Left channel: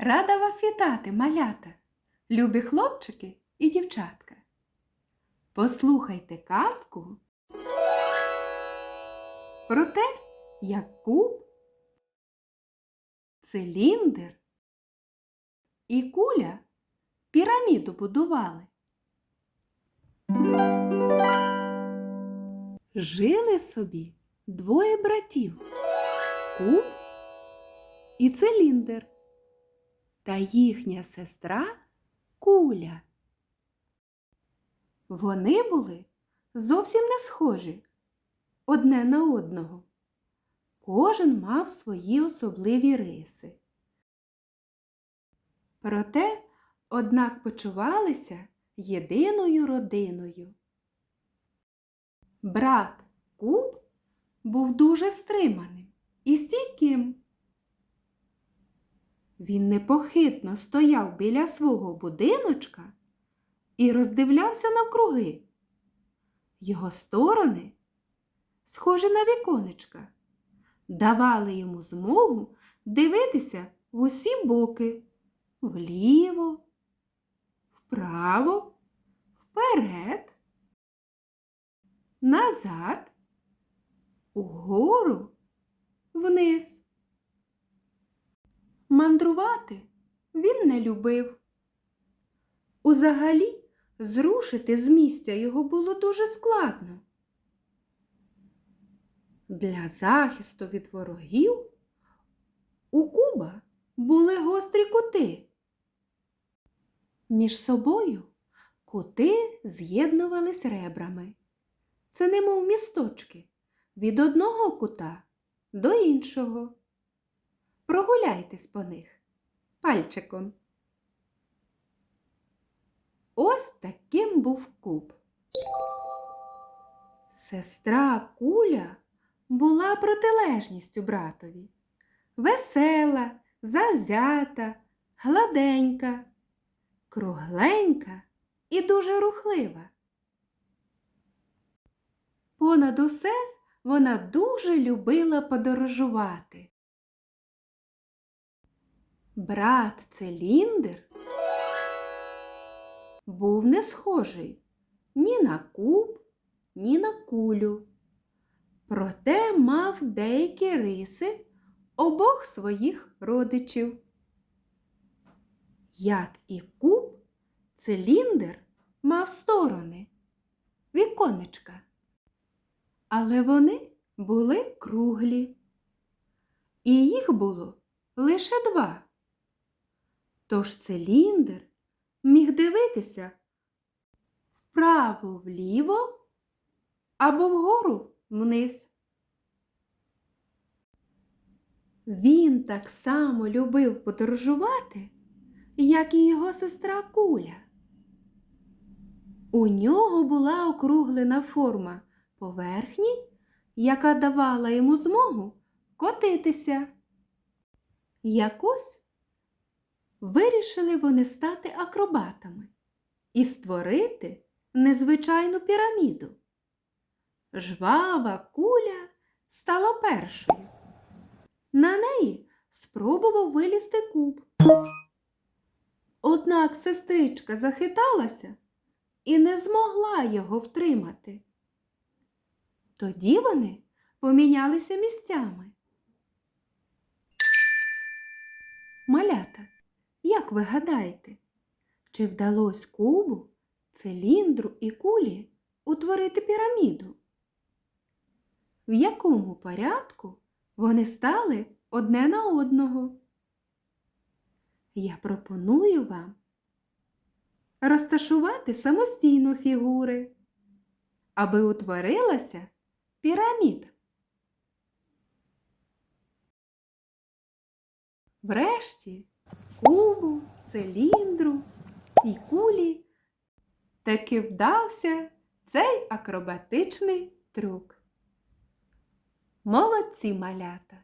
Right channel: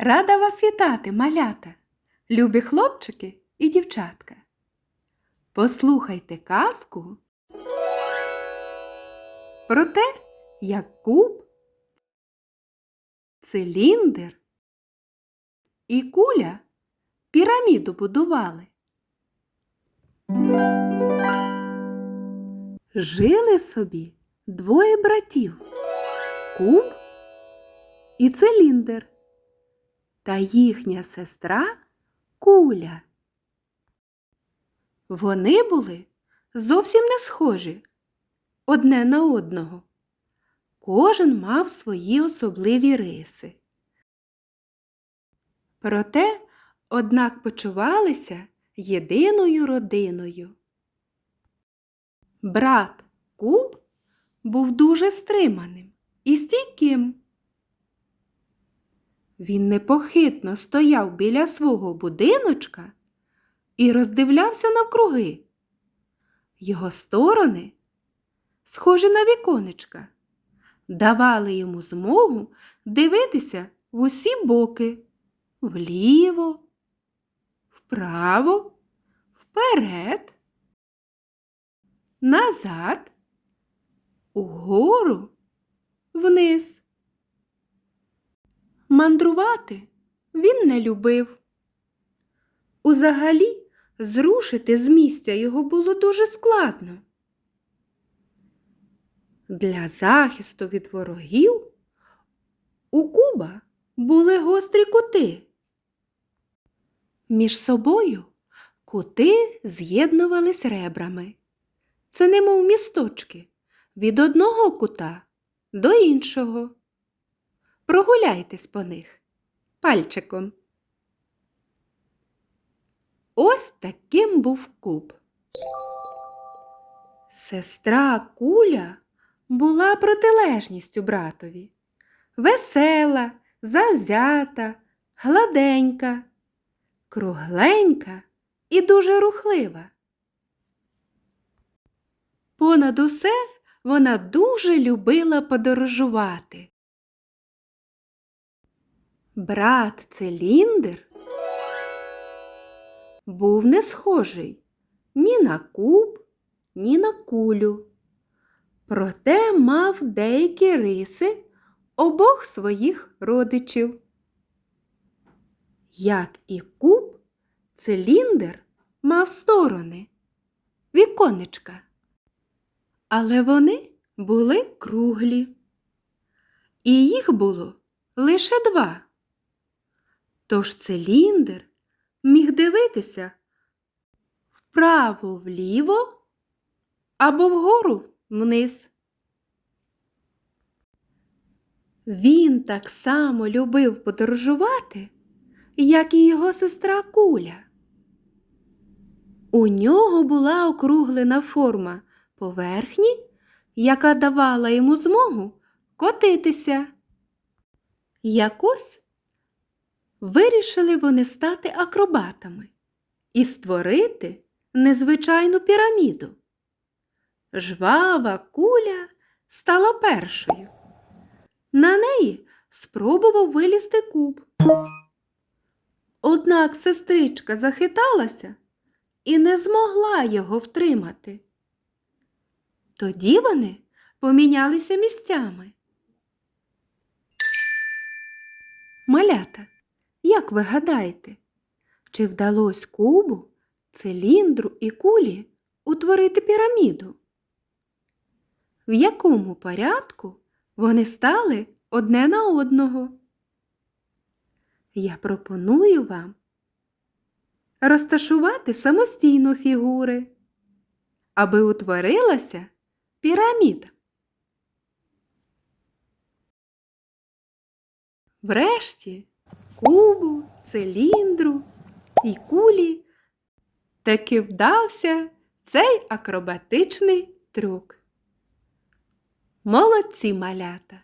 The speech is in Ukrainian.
Рада вас вітати, малята, любі хлопчики і дівчатка. Послухайте казку про те, як куб, циліндр і куля піраміду будували. Жили собі двоє братів куб і циліндр та їхня сестра Куля. Вони були зовсім не схожі одне на одного. Кожен мав свої особливі риси. Проте, однак почувалися єдиною родиною. Брат Куб був дуже стриманим і стійким. Він непохитно стояв біля свого будиночка і роздивлявся навкруги. Його сторони, схожі на віконечка, давали йому змогу дивитися в усі боки вліво, вправо, вперед, назад, угору, вниз. Мандрувати він не любив. Узагалі, зрушити з місця його було дуже складно. Для захисту від ворогів у Куба були гострі кути. Між собою кути з'єднувались ребрами. Це немов місточки від одного кута до іншого. Прогуляйтесь по них пальчиком. Ось таким був куб. Сестра Куля була протилежністю братові. Весела, завзята, гладенька, кругленька і дуже рухлива. Понад усе вона дуже любила подорожувати. Брат Циліндр був не схожий ні на куб, ні на кулю. Проте мав деякі риси обох своїх родичів. Як і куб, циліндр мав сторони, віконечка. Але вони були круглі. І їх було лише два. Тож циліндр міг дивитися вправо вліво або вгору вниз. Він так само любив подорожувати, як і його сестра Куля. У нього була округлена форма поверхні, яка давала йому змогу котитися. Якось вирішили вони стати акробатами і створити незвичайну піраміду. Жвава куля стала першою. На неї спробував вилізти куб. Однак сестричка захиталася і не змогла його втримати. Тоді вони помінялися місцями. Малята, як ви гадаєте, чи вдалося кубу, циліндру і кулі утворити піраміду? В якому порядку вони стали одне на одного? Я пропоную вам розташувати самостійно фігури, аби утворилася піраміда. Врешті кубу, циліндру і кулі таки вдався цей акробатичний трюк. Молодці малята!